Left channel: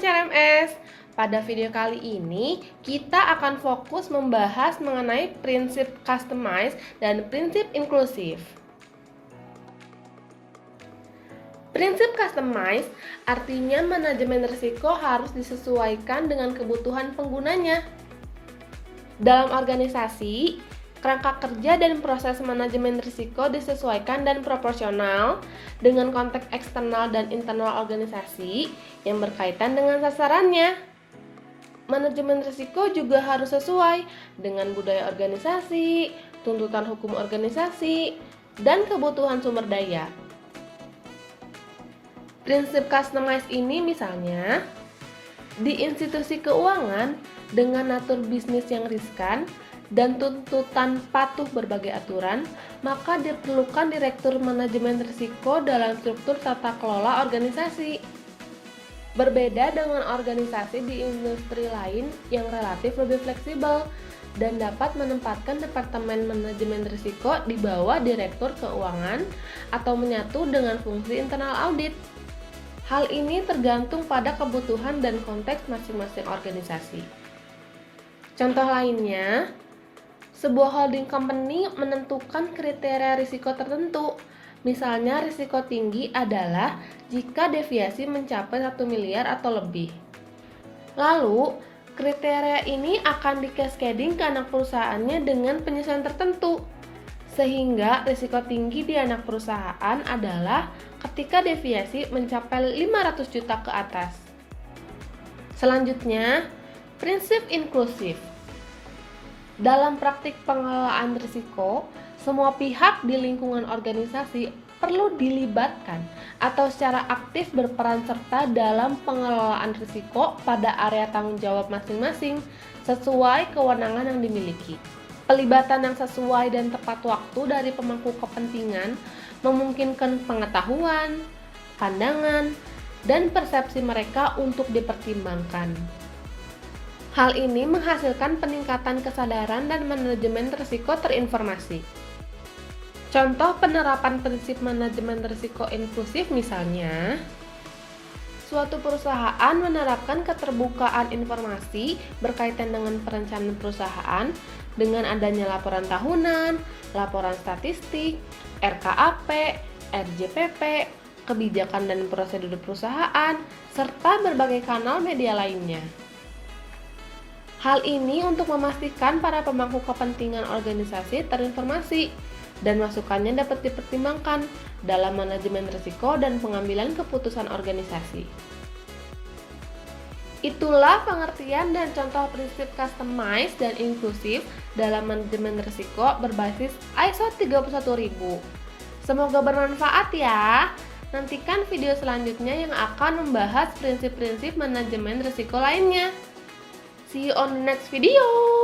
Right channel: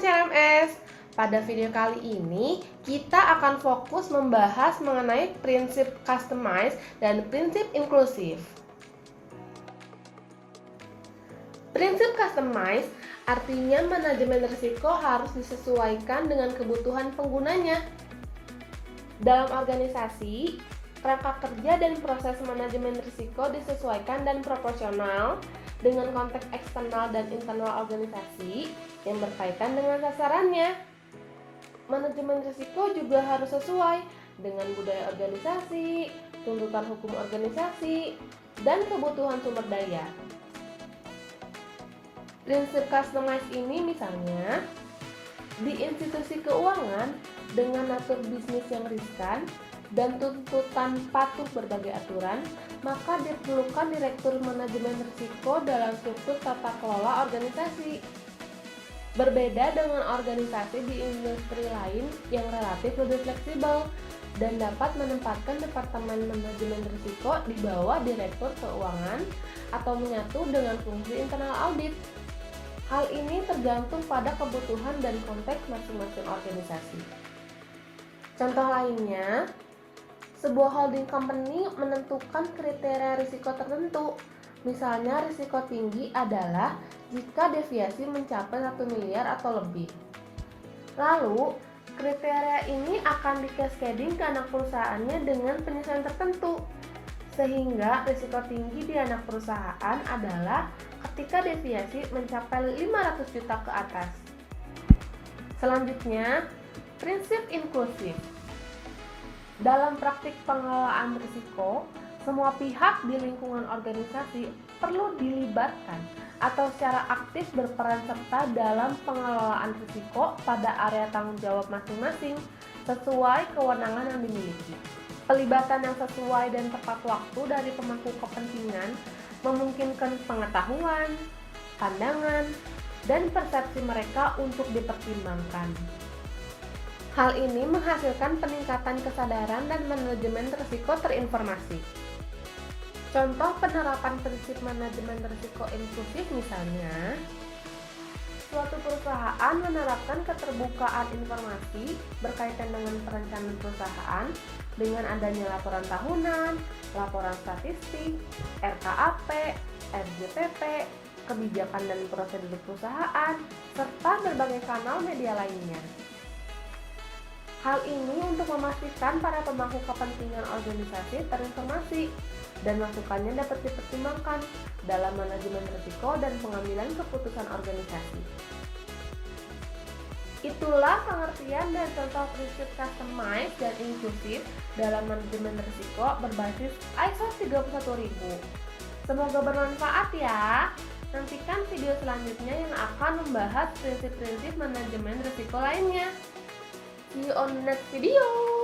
teman-teman CLMS. Pada video kali ini, kita akan fokus membahas mengenai prinsip customize dan prinsip inklusif. Prinsip customize artinya manajemen risiko harus disesuaikan dengan kebutuhan penggunanya. Dalam organisasi, kerangka kerja dan proses manajemen risiko disesuaikan dan proporsional dengan konteks eksternal dan internal organisasi yang berkaitan dengan sasarannya. Manajemen risiko juga harus sesuai dengan budaya organisasi, tuntutan hukum organisasi, dan kebutuhan sumber daya. Prinsip customize ini misalnya, di institusi keuangan dengan natur bisnis yang riskan dan tuntutan patuh berbagai aturan, maka diperlukan direktur manajemen risiko dalam struktur tata kelola organisasi. Berbeda dengan organisasi di industri lain yang relatif lebih fleksibel dan dapat menempatkan departemen manajemen risiko di bawah direktur keuangan atau menyatu dengan fungsi internal audit. Hal ini tergantung pada kebutuhan dan konteks masing-masing organisasi. Contoh lainnya, sebuah holding company menentukan kriteria risiko tertentu. Misalnya, risiko tinggi adalah jika deviasi mencapai 1 miliar atau lebih. Lalu, kriteria ini akan di-cascading ke anak perusahaannya dengan penyesuaian tertentu. Sehingga risiko tinggi di anak perusahaan adalah ketika deviasi mencapai 500 juta ke atas. Selanjutnya, prinsip inklusif. Dalam praktik pengelolaan risiko, semua pihak di lingkungan organisasi perlu dilibatkan atau secara aktif berperan serta dalam pengelolaan risiko pada area tanggung jawab masing-masing sesuai kewenangan yang dimiliki. Pelibatan yang sesuai dan tepat waktu dari pemangku kepentingan memungkinkan pengetahuan, pandangan, dan persepsi mereka untuk dipertimbangkan. Hal ini menghasilkan peningkatan kesadaran dan manajemen risiko terinformasi. Contoh penerapan prinsip manajemen risiko inklusif misalnya, suatu perusahaan menerapkan keterbukaan informasi berkaitan dengan perencanaan perusahaan dengan adanya laporan tahunan, laporan statistik, RKAP, RJPP, kebijakan dan prosedur perusahaan, serta berbagai kanal media lainnya. Hal ini untuk memastikan para pemangku kepentingan organisasi terinformasi dan masukannya dapat dipertimbangkan dalam manajemen risiko dan pengambilan keputusan organisasi. Itulah pengertian dan contoh prinsip customize dan inklusif dalam manajemen risiko berbasis ISO 31000. Semoga bermanfaat ya. Nantikan video selanjutnya yang akan membahas prinsip-prinsip manajemen risiko lainnya. See you on the next video.